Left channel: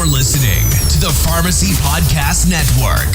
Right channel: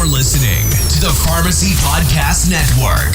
You're listening to the Pharmacy Podcast Network.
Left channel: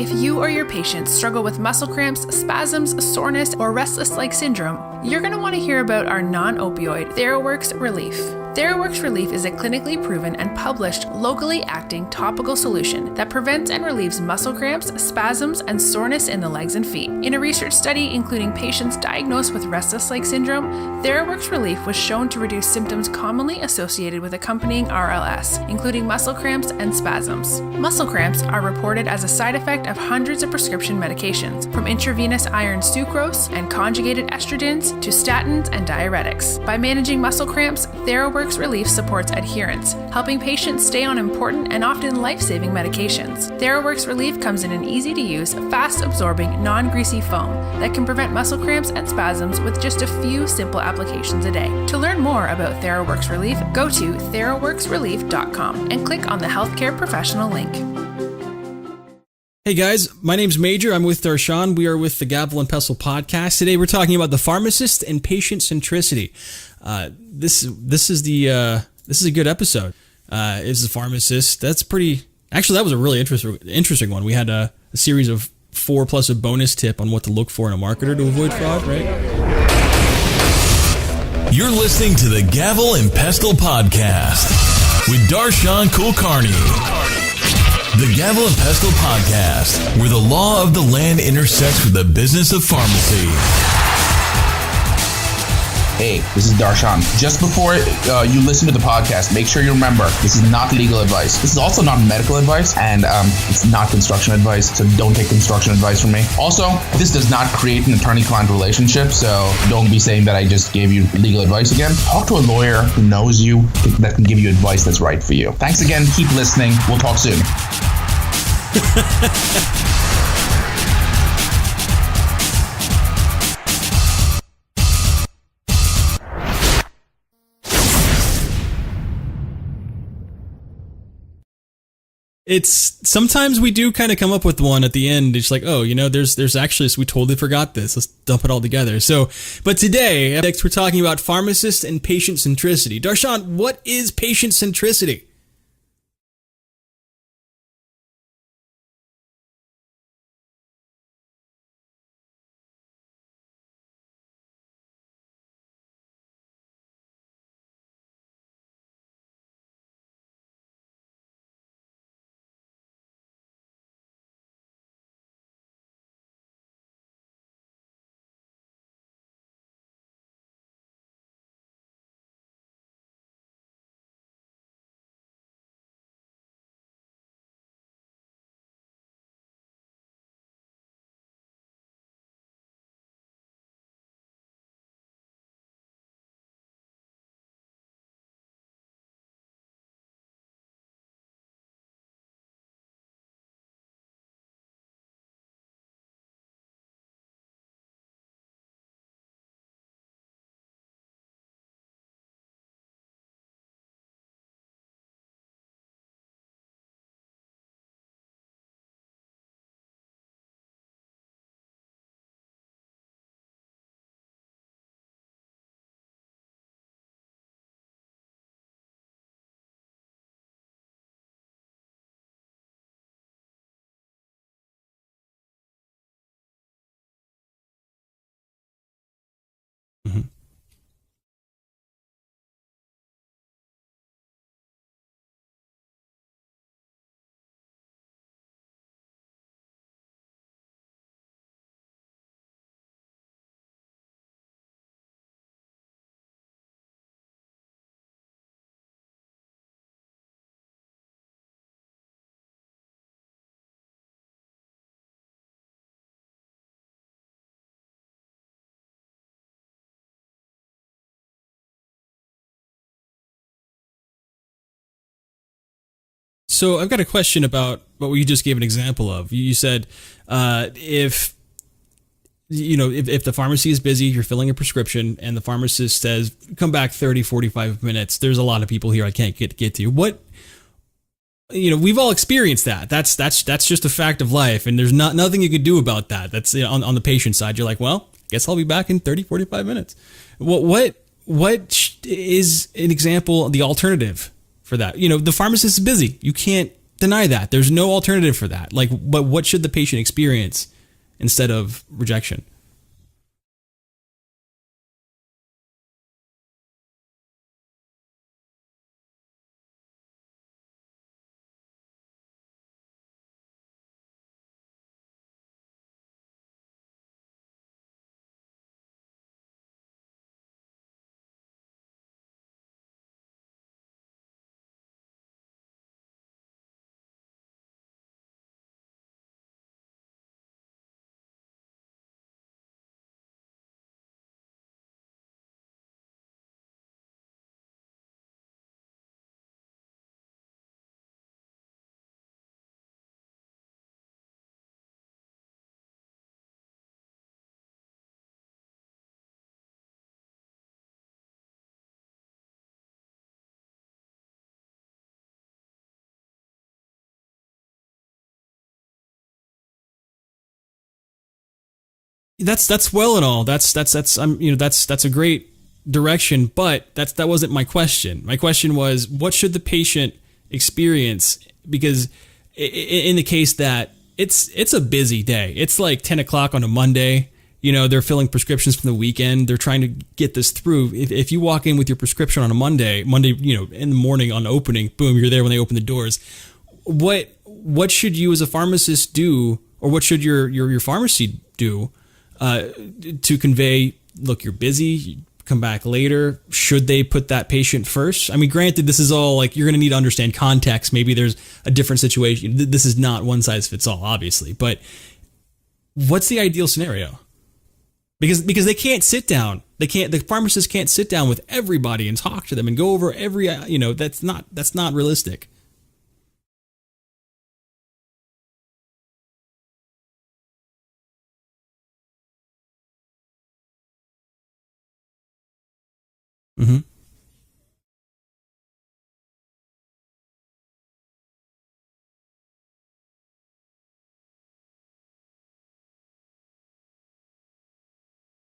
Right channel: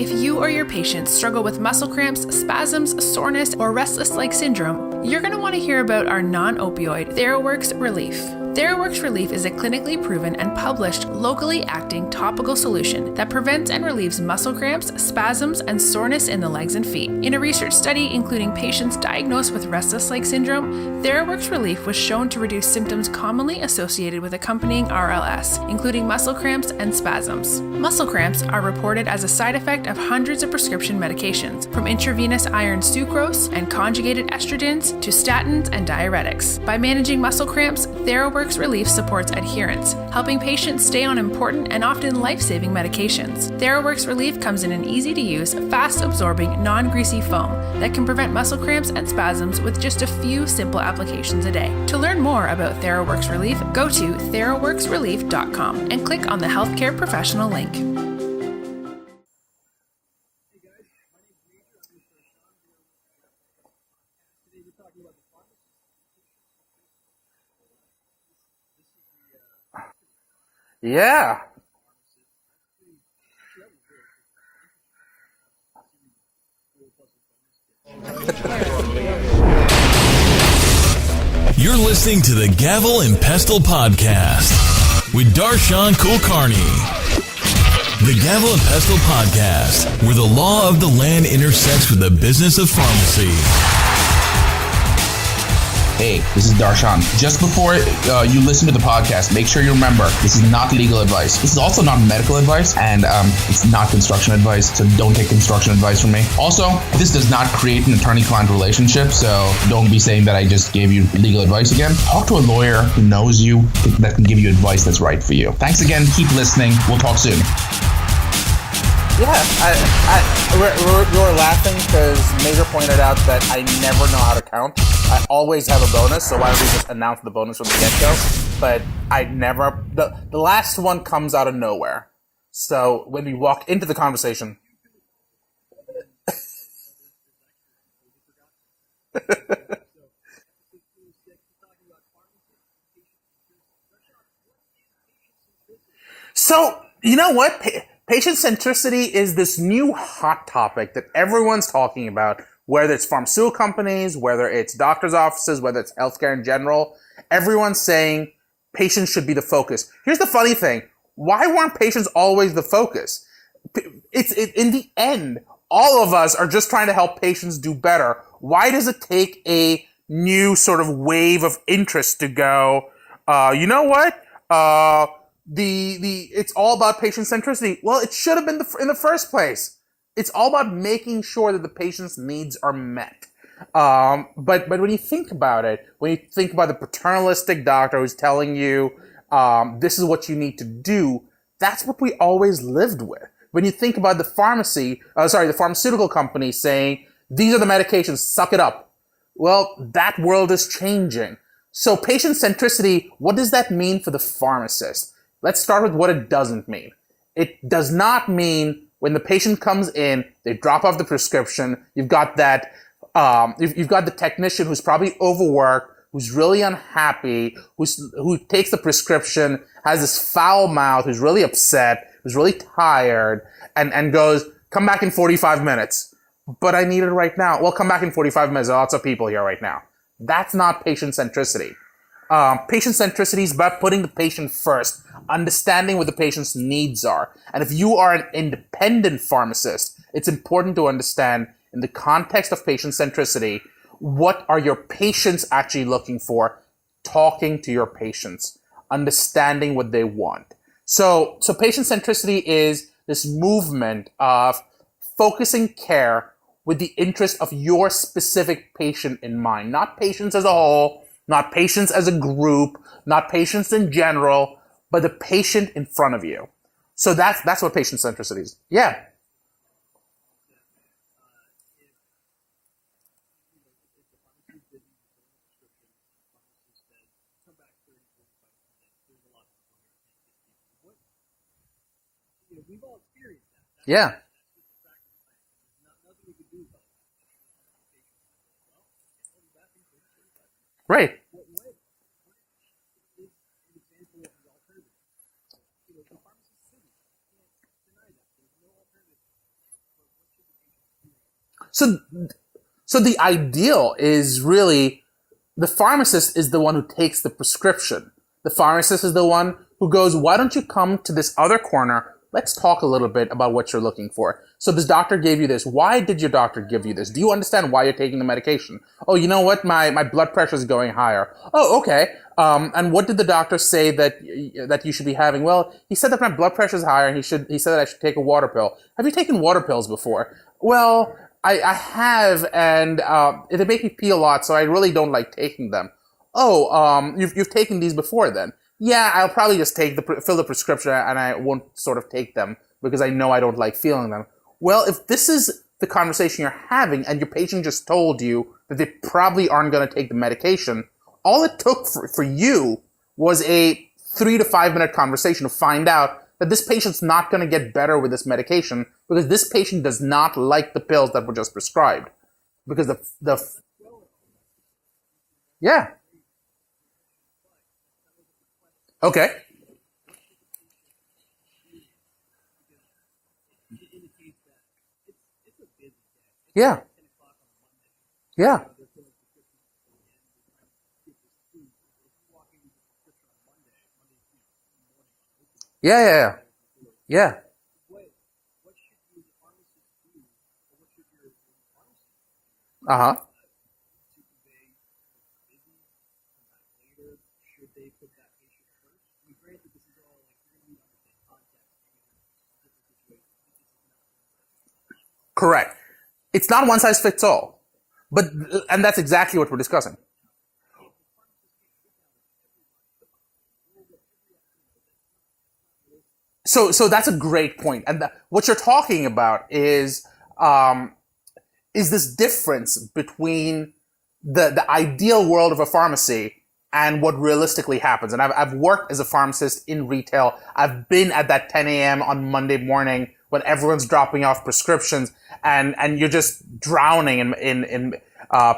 If you or your patients struggle with muscle cramps, spasms, soreness, or restless leg syndrome, you're going to want to hear about our non-opioid TheraWorks Relief. TheraWorks Relief is a clinically proven and published locally acting topical solution that prevents and relieves muscle cramps, spasms, and soreness in the legs and feet. In a research study including patients diagnosed with restless leg syndrome, TheraWorks Relief was shown to reduce symptoms commonly associated with accompanying RLS, including muscle cramps and spasms. Muscle cramps are reported as a side effect of hundreds of prescription medications, from intravenous iron sucrose and conjugated estrogens to statins and diuretics. By managing muscle cramps, TheraWorks Relief supports adherence, helping patients stay on important and often life-saving medications. TheraWorks Relief comes in an easy-to-use, fast-absorbing, non-greasy foam that can prevent muscle cramps and spasms with just a few simple applications a day. To learn more about TheraWorks Relief, go to theraworksrelief.com and click on the healthcare professional link. Hey guys, my name's Major. I'm with Darshan. We are with the Gavel and Pestle Podcast. Today we're talking about the pharmacist and patient centricity. This is a good episode. Is the pharmacist? That's pretty. Actually, that was a really interesting one. We had a series of 4 plus a bonus tip on what to look for in a marketer to avoid fraud. You're listening to the Gavel and Pestle Podcast with Darshan Kulkarni. The Gavel and Pestle Podcast, where the law of the land intersects with the business of pharmacy. Hey, this is Darshan. Just before you listen to the podcast, make sure you remember this is not legal advice. This is also not medical advice, and it's not construction advice, so don't take construction advice from me. Also, this does not create an attorney-client relationship, so don't be saying that I just gave you legal advice again. Talk to a lawyer who knows you, that can give you advice that's right for you. Thanks again. Keep listening. We'll talk soon. We're laughing because Major pointed out that I never know how to count. I always have a bonus, so why don't we just announce the bonus from the get-go? But I never... The last one comes out of nowhere. Sometimes we do kind of come up with one at the end. It's like, oh, there's actually, we totally forgot this. Let's dump it all together. So, but today, next we're talking about pharmacist and patient centricity. Darshan, what is patient centricity? So, you know what? Patient centricity is this new hot topic that everyone's talking about, whether it's pharmaceutical companies, whether it's doctors' offices, whether it's healthcare in general. Everyone's saying patients should be the focus. Here's the funny thing. Why weren't patients always the focus? In the end, all of us are just trying to help patients do better. Why does it take a new sort of wave of interest to go, you know what? It's all about patient centricity. Well, it should have been in the first place. It's all about making sure that the patient's needs are met. But when you think about it, when you think about the paternalistic doctor who's telling you this is what you need to do, that's what we always lived with. When you think about the pharmaceutical company saying these are the medications, suck it up. Well, that world is changing. So patient centricity, what does that mean for the pharmacist? Let's start with what it doesn't mean. It does not mean when the patient comes in, they drop off the prescription. You've got that. You've got the technician who's probably overworked, who's really unhappy, who takes the prescription, has this foul mouth, who's really upset, who's really tired, and goes, "Come back in 45 minutes." But I need it right now. Well, come back in 45 minutes. There are lots of people here right now. Mm-hmm. That's not patient centricity. Patient centricity is about putting the patient first, understanding what the patient's needs are. And if you are an independent pharmacist, it's important to understand, in the context of patient centricity, what are your patients actually looking for, talking to your patients, understanding what they want. So patient centricity is this movement of focusing care with the interest of your specific patient in mind, not patients as a whole, not patients as a group, not patients in general, but the patient in front of you. So I've got a question about what you just gave an example of. You said if the pharmacy is busy, you're filling a prescription, and the pharmacist says, come back 30, 45 minutes. There's a lot of people here I can't get to you. We've all experienced that. That's just a fact of life, and there's nothing you could do about that. That's on the patient side. You're like, well, guess I'll be back in 30, 45 minutes. What is an example, the alternative for that? The pharmacist is busy. You can't deny that. There's no alternative for that. But what should the patient experience instead of rejection? So the ideal is really the pharmacist is the one who takes the prescription. The pharmacist is the one who goes, why don't you come to this other corner? Let's talk a little bit about what you're looking for. So this doctor gave you this. Why did your doctor give you this? Do you understand why you're taking the medication? Oh, you know what? My blood pressure is going higher. Oh, okay. And what did the doctor say that you should be having? Well, he said that my blood pressure is higher, and he said that I should take a water pill. Have you taken water pills before? Well, I have, and they make me pee a lot, so I really don't like taking them. Oh, you've taken these before then? Yeah, I'll probably just fill the prescription, and I won't sort of take them because I know I don't like feeling them. Well, if this is the conversation you're having and your patient just told you that they probably aren't going to take the medication, all it took for you was a 3 to 5 minute conversation to find out that this patient's not going to get better with this medication because this patient does not like the pills that were just prescribed. That's well and all. That's a great direction, but that wasn't my question. My question was, what should the patient experience? Because in the case that it's a busy day, it's like 10 o'clock on a Monday. They're filling prescriptions from the weekend. They're trying to get this through. If you walk in with your prescription on a Monday, in the morning on opening, boom, you're there when they open the doors. What should you as a pharmacist do, or what should your pharmacy do to convey, look, you're busy, come back later? Should they put that patient first? I mean, granted, this is all like, you're going to need to understand context. Maybe there's a different situation. This is not one size fits all, obviously, but correct. What's the ideal scenario? It's not one size fits all. But because they can't exactly sit down. The pharmacist can't sit down with everybody and talk to them and go over every, that's not realistic. So that's a great point. And what you're talking about is this difference between the ideal world of a pharmacy and what realistically happens. And I've worked as a pharmacist in retail. I've been at that 10 a.m. on Monday morning when everyone's dropping off prescriptions and you're just drowning in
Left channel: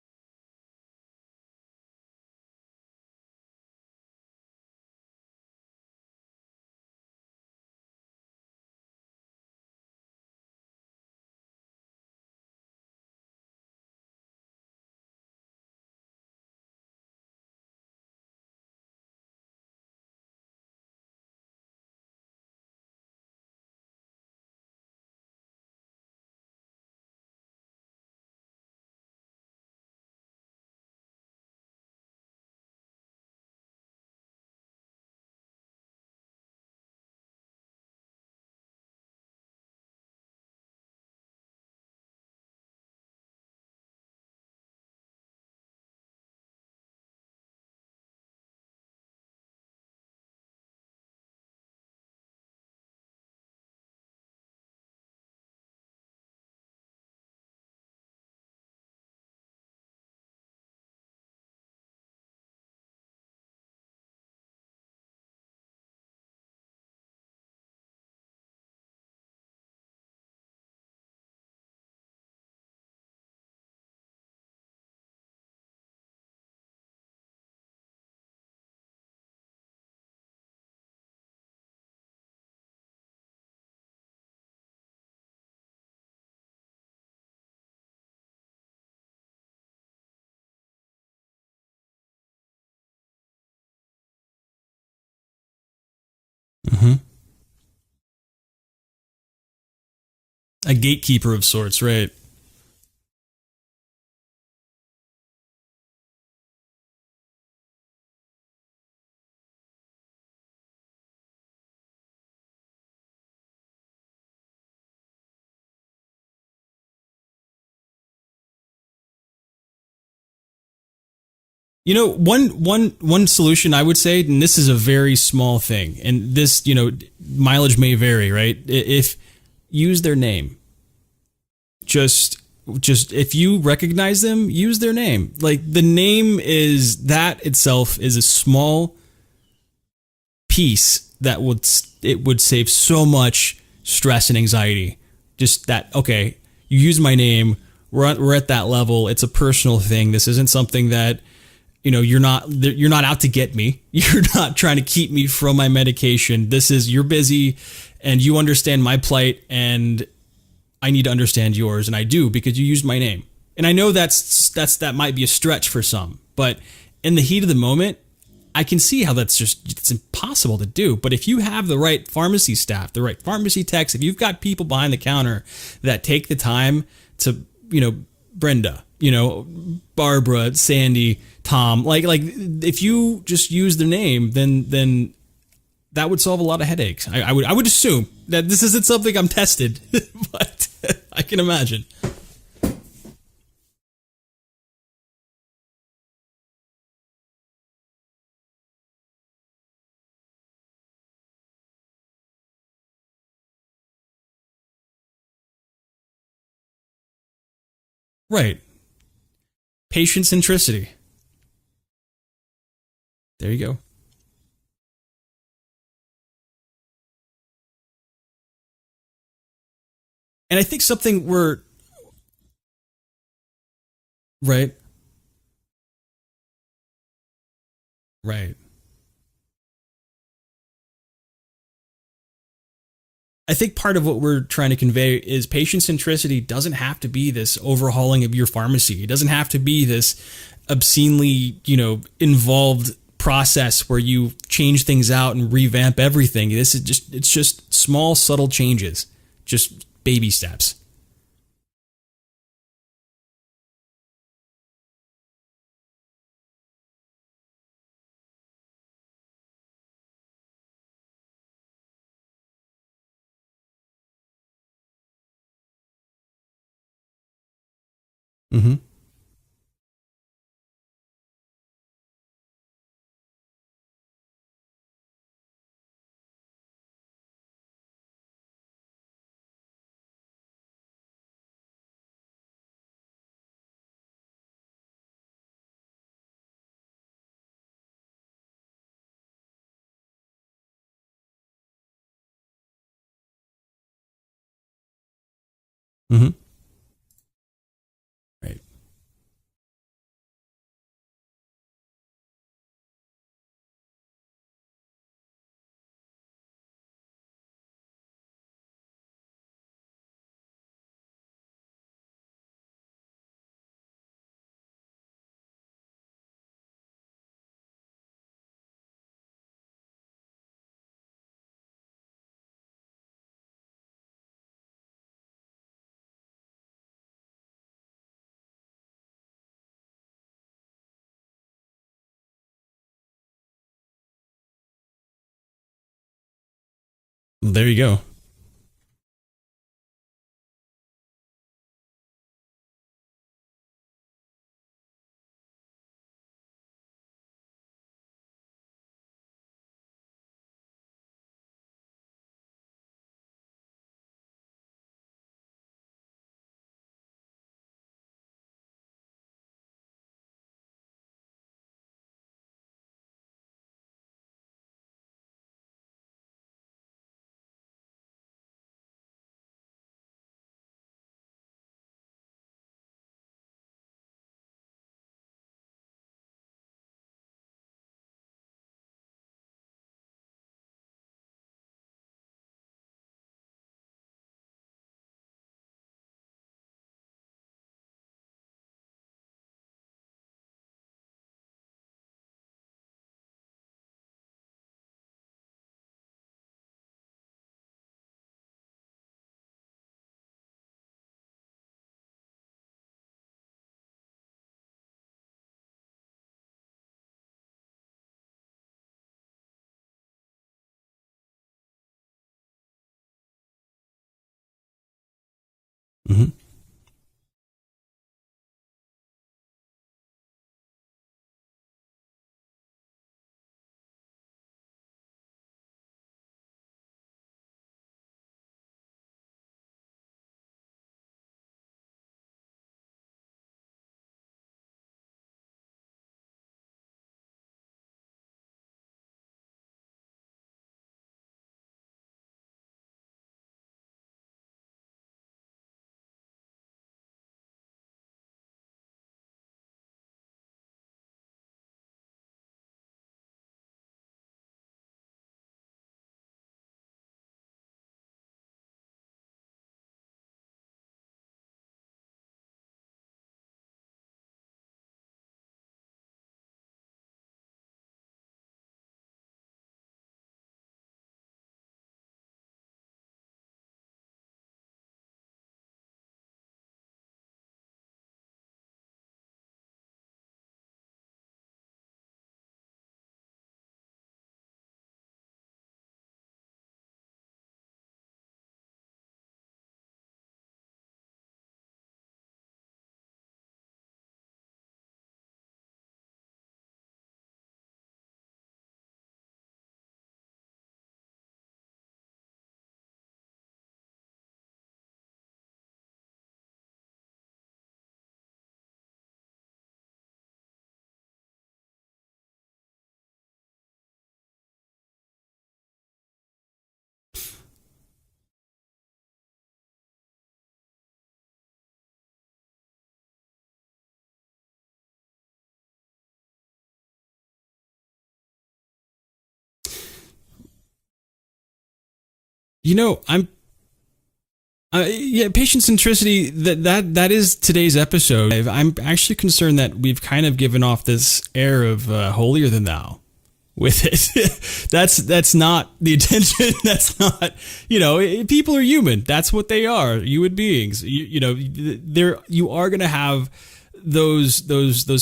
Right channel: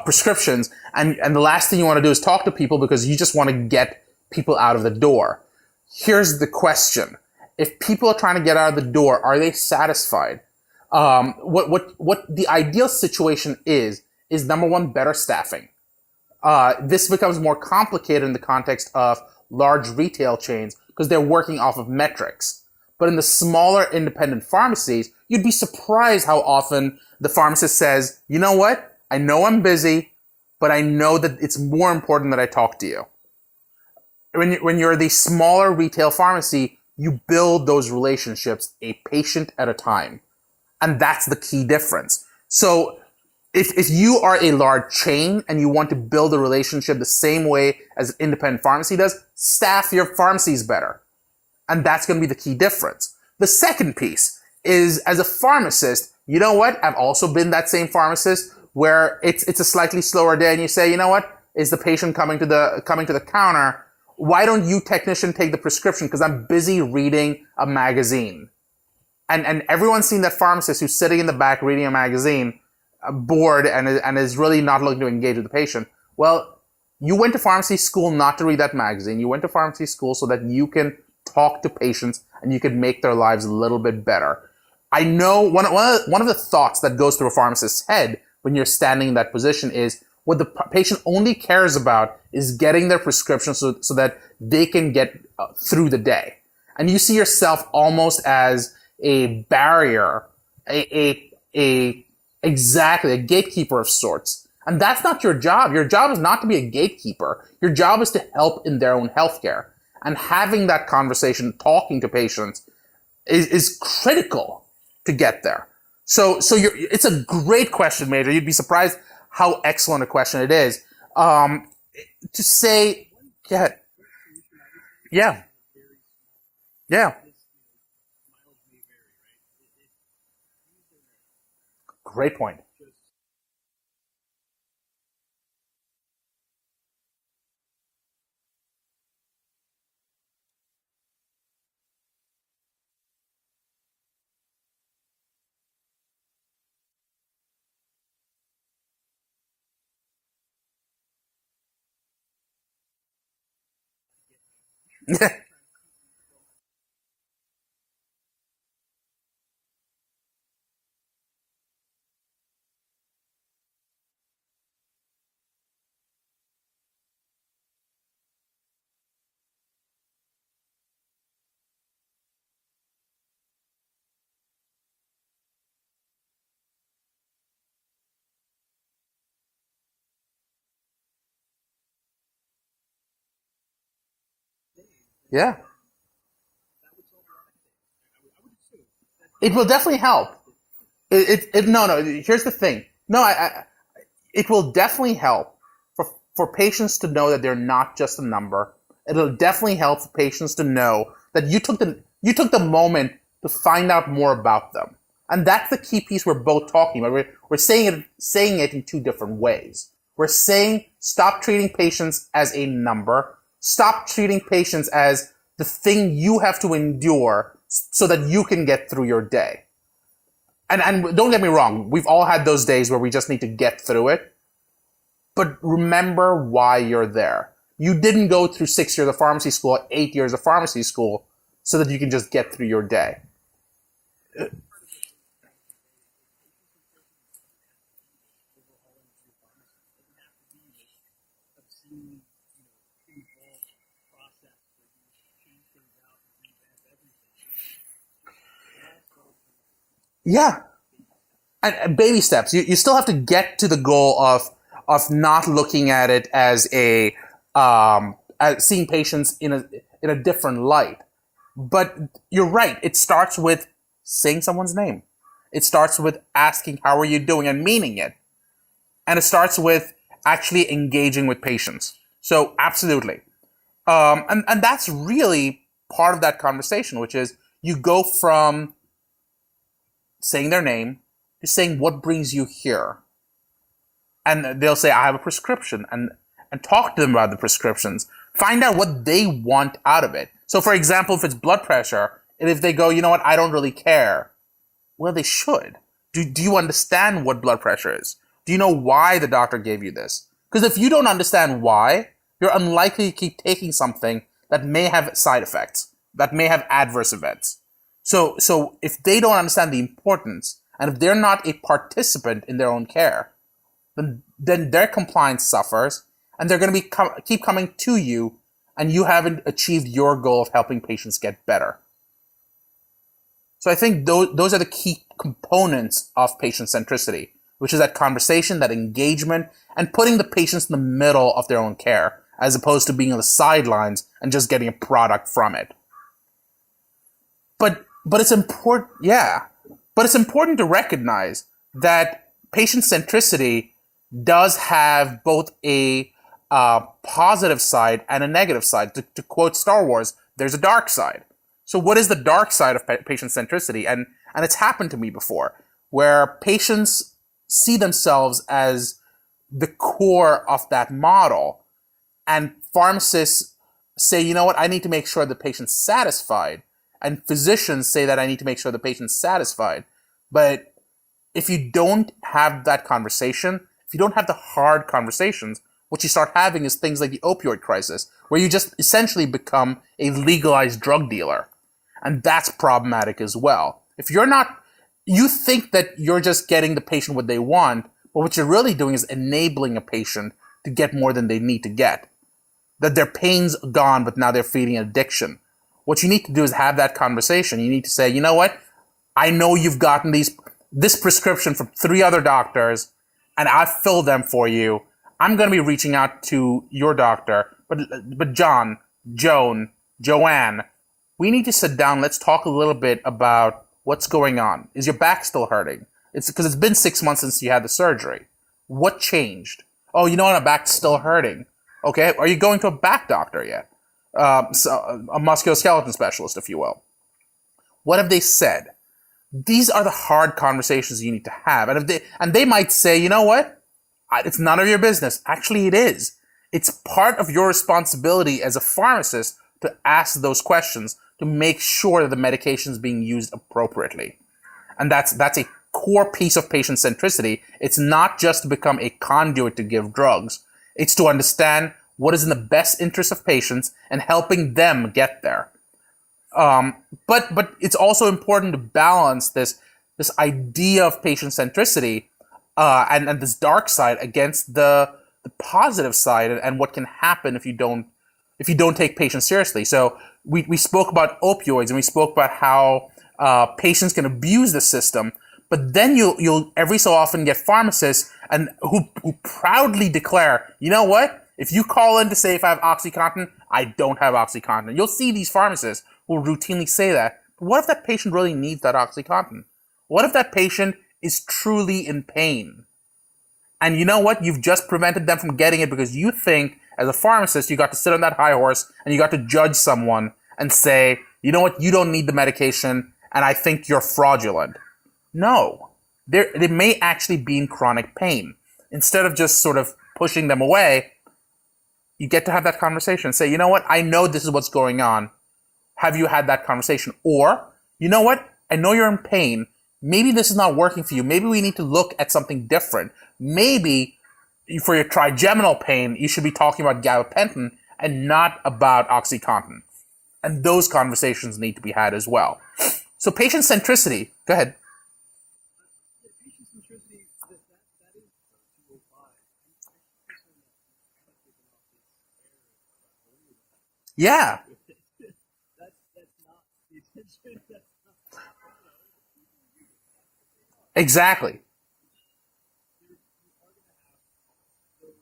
prescriptions. And the last thing you want to do is talk to people because you just want to get people out of the door. Here's the question. If people are trying to get out of the door, are they satisfied? What the ideal situation is number one, better staffing. This becomes more complicated in the context of large retail chains because they're working off of metrics. But in the smaller independent pharmacies, you'd be surprised how often the pharmacist says, you know what? I know I'm busy, but I know that it's more important that I talk to you. When you're the smaller retail pharmacy, you build those relationships a patient at a time. And that's the key difference. So if you are a large chain and you want to build a relationship the same way as an independent pharmacy does, staff your pharmacies better. And that's going to be the key difference. The second piece is, as a pharmacist, you know what? I've also been that same pharmacist where it's a slightly slower day and you say, you know what? Is the patient coming to the counter? Why don't you, technician, take the prescription? Because I'm busy reading a magazine. And everyone's seen that pharmacist who's sitting in the back reading a magazine, bored, and is really not looking to engage with the patient. Well, you went to pharmacy school not to read that magazine. You went to pharmacy school so that you can talk to patients and you can make their lives a little bit better. I know one of the thoughts that goes through a pharmacist's head when you're standing in that position is what the patient only cares about is getting their prescription so that they can get through the day. Mm-hmm. And you see yourself almost as a barrier. A gatekeeper of sorts, right? Exactly, a gatekeeper of sorts. And that's not your job. Your job is not to be a gatekeeper. Your job is to help in their own healthcare. And having that conversation, talking to patients, is critical to get there. So it's a great question, Major. You'd be surprised how excellent a question it is. One solution I would say, and this is a very small thing, and this, mileage may vary, right? If use their name. Great point. Just if you recognize them, use their name. Like, the name that itself is a small piece that would save so much stress and anxiety. Just that, okay, you use my name. We're at that level. It's a personal thing. This isn't something that, you're not out to get me. You're not trying to keep me from my medication. This is, you're busy and you understand my plight and I need to understand yours. And I do, because you used my name. And I know that might be a stretch for some, but in the heat of the moment, I can see how it's impossible to do. But if you have the right pharmacy staff, the right pharmacy techs, if you've got people behind the counter that take the time to, Brenda, Barbara, Sandy, Tom, like if you just use their name, then yeah, that would solve a lot of headaches. I would assume that this isn't something I'm testing. It will definitely help. No. Here's the thing. No, it will definitely help for patients to know that they're not just a number. It'll definitely help for patients to know that you took the moment to find out more about them. And that's the key piece we're both talking about. We're saying it in two different ways. Patient centricity. Stop treating patients as a number. There you go. Stop treating patients as the thing you have to endure so that you can get through your day. And I think and don't get me wrong, we've all had those days where we just need to get through it. Right. But remember why you're there. You didn't go through 6 years of pharmacy school, 8 years of pharmacy school, so that you can just get through your day. I think part of what we're trying to convey is patient centricity doesn't have to be this overhauling of your pharmacy. It doesn't have to be this obscenely, involved process where you change things out and revamp everything. It's just small, subtle changes, just baby steps. And baby steps. You still have to get to the goal of not looking at it as as seeing patients in a different light. But you're right. It starts with saying someone's name. It starts with asking, how are you doing, and meaning it. Mm-hmm. And it starts with actually engaging with patients. So absolutely. And that's really part of that conversation, which is you go from saying their name to saying what brings you here. And they'll say, I have a prescription, and talk to them about the prescriptions. Find out what they want out of it. So, for example, if it's blood pressure, and if they go, you know what, I don't really care. Well, they should. Mm-hmm. Do you understand what blood pressure is? Do you know why the doctor gave you this? Because if you don't understand why, you're unlikely to keep taking something that may have side effects, that may have adverse events. So if they don't understand the importance, and if they're not a participant in their own care, then their compliance suffers, and they're going to keep coming to you, and you haven't achieved your goal of helping patients get better. So I think those are the key components of patient centricity, which is that conversation, that engagement, and putting the patients in the middle of their own care, as opposed to being on the sidelines and just getting a product from it. You go. But it's important, But it's important to recognize that patient centricity does have both a positive side and a negative side. To quote Star Wars, there's a dark side. So what is the dark side of patient centricity? And it's happened to me before, where patients see themselves as the core of that model, and pharmacists say, you know what, I need to make sure the patient's satisfied, and physicians say that I need to make sure the patient's satisfied. But if you don't have that conversation, if you don't have the hard conversations, what you start having is things like the opioid crisis, where you just essentially become a legalized drug dealer. And that's problematic as well. If you're not, you think that you're just getting the patient what they want, but what you're really doing is enabling a patient to get more than they need to get. That their pain's gone, but now they're feeding addiction. What you need to do is have that conversation. You need to say, you know what? I know you've gotten this prescription from 3 other doctors, and I've filled them for you. I'm going to be reaching out to your doctor, but John, Joan, Joanne, we need to sit down. Let's talk a little bit about what's going on. Is your back still hurting? Mm-hmm. Because it's been 6 months since you had the surgery. What changed? Oh, you know what? My back's still hurting. Okay, are you going to a back doctor yet? So a musculoskeletal specialist, if you will. What have they said? These are the hard conversations you need to have. And they might say, you know what? It's none of your business. Actually, it is. It's part of your responsibility as a pharmacist to ask those questions to make sure that the medication is being used appropriately. And that's a core piece of patient centricity. It's not just to become a conduit to give drugs. It's to understand what is in the best interest of patients and helping them get there. But it's also important to balance this idea of patient centricity and this dark side against the positive side and what can happen if you don't take patients seriously. So we spoke about opioids and we spoke about how patients can abuse the system, but then you'll every so often get pharmacists and who proudly declare, you know what? If you call in to say if I have OxyContin, I don't have OxyContin. You'll see these pharmacists who will routinely say that. But what if that patient really needs that OxyContin? What if that patient is truly in pain? And you know what? You've just prevented them from getting it because you think, as a pharmacist, you got to sit on that high horse and you got to judge someone and say, you know what? You don't need the medication and I think you're fraudulent. No. They may actually be in chronic pain. Instead of just sort of pushing them away, you get to have that conversation. Say, you know what? I know this is what's going on. Have you had that conversation? Or, you know what? I know you're in pain. Maybe this is not working for you. Maybe we need to look at something different. Maybe for your trigeminal pain, you should be talking about gabapentin and not about OxyContin. And those conversations need to be had as well. So patient centricity. Go ahead. Patient centricity. That is today's episode. I'm actually concerned that we've kind of given off this air of holier than thou with it. Yeah. that's not the intention. That's not. People are human. That's what they are. Human beings. Exactly. You are going to have those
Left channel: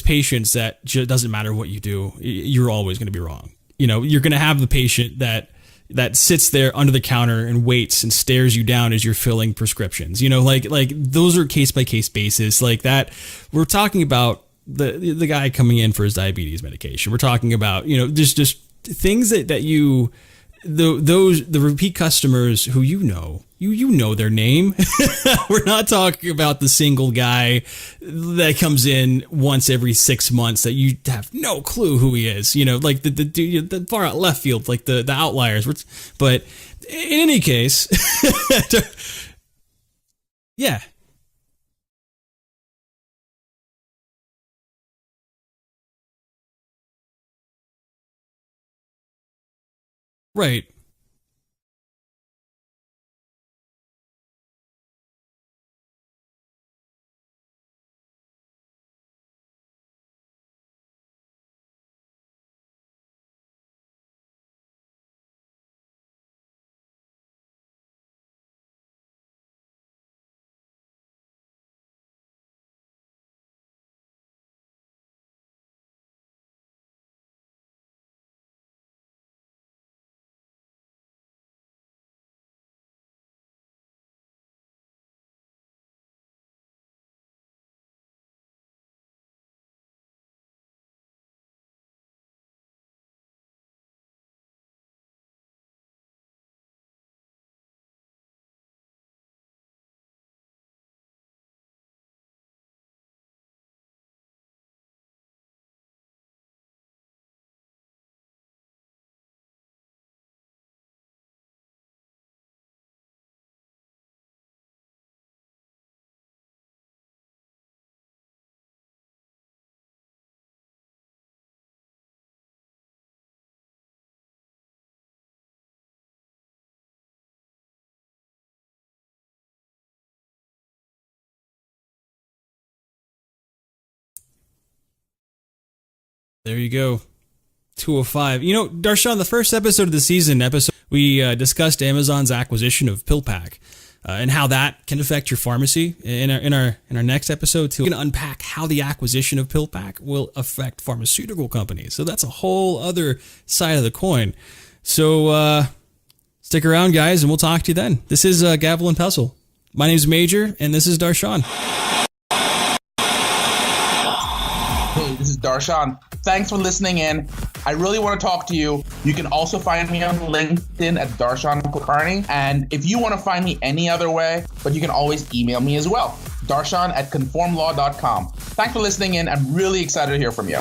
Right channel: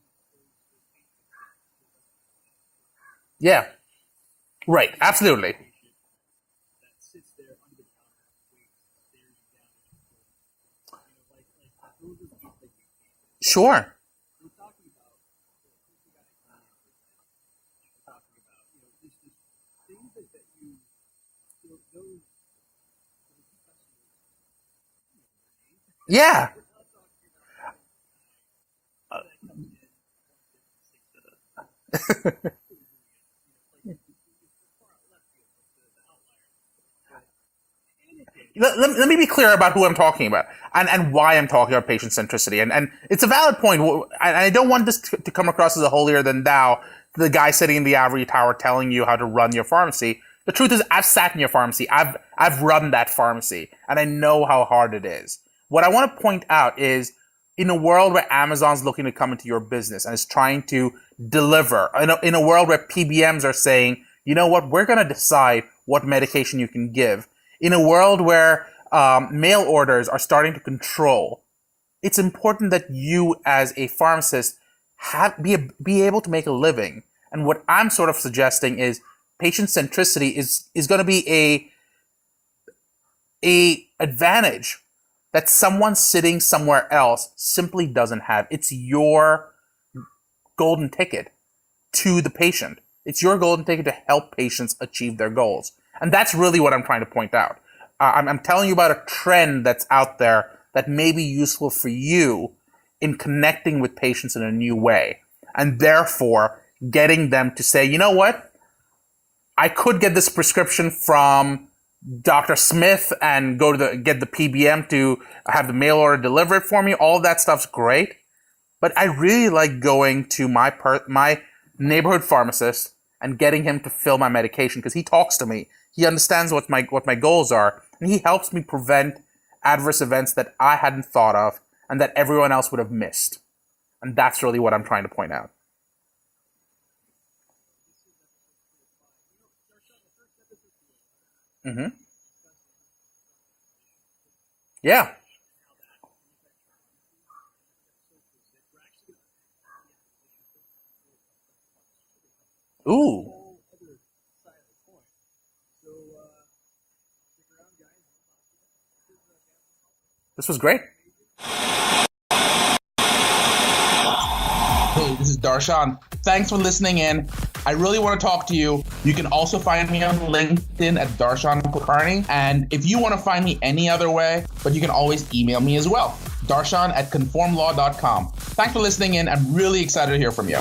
patients that doesn't matter what you do, you're always going to be wrong. Yeah. You're going to have the patient absolutely. that sits there under the counter and waits and stares you down as you're filling prescriptions. Like those are case by case basis like that. Sure. We're talking about the guy coming in for his diabetes medication. We're talking about, just things that the repeat customers who you know their name. We're not talking about the single guy that comes in once every 6 months that you have no clue who he is. Like the far out left field, like the outliers. But in any case, let me be clear about who I'm talking about, and why I'm talking about patient centricity. And it's a valid point. I don't want this to come across as a holier than thou. The guy sitting in the ivory tower telling you how to run your pharmacy. Right. The truth is, I've sat in your pharmacy. I've run that pharmacy, and I know how hard it is. What I want to point out is, in a world where Amazon's looking to come into your business and is trying to deliver, in a world where PBMs are saying, you know what, we're going to decide what medication you can give. In a world where mail orders are starting to control, it's important that you, as a pharmacist, be able to make a living. And what I'm sort of suggesting is patient centricity is going to be a advantage that someone sitting somewhere else simply doesn't have. It's your golden ticket to the patient. It's your golden ticket to help patients achieve their goals. And that's really what I'm trying to point out. I'm telling you about a trend that's out there that may be useful for you in connecting with patients in a new way. And therefore, getting them to say, you know what? I could get this prescription from Dr. Smith and get the PBM to have the mail order deliver it for me. All of that stuff's great. But I really like going to my neighborhood pharmacist and getting him to fill my medication because he talks to me. He understands what my goals are, and he helps me prevent adverse events that I hadn't thought of and that everyone else would have missed. And that's really what I'm trying to point out. There you go. 205. Darshan, the first episode of the season, we discussed Amazon's acquisition of PillPack and how that can affect your pharmacy. In our next episode, too, we're going to unpack how the acquisition of PillPack will affect pharmaceutical companies. So that's a whole other side of the coin. So stick around, guys, and we'll talk to you then. This is Gavel and Pestle. My name's Major, and this is Darshan. Hey, this is Darshan. Thanks for listening in. I really want to talk to you. You can also find me on LinkedIn at Darshan Kulkarni. And if you want to find me any other way, but you can always email me as well. Darshan@conformlaw.com. Thanks for listening in. I'm really excited to hear from you.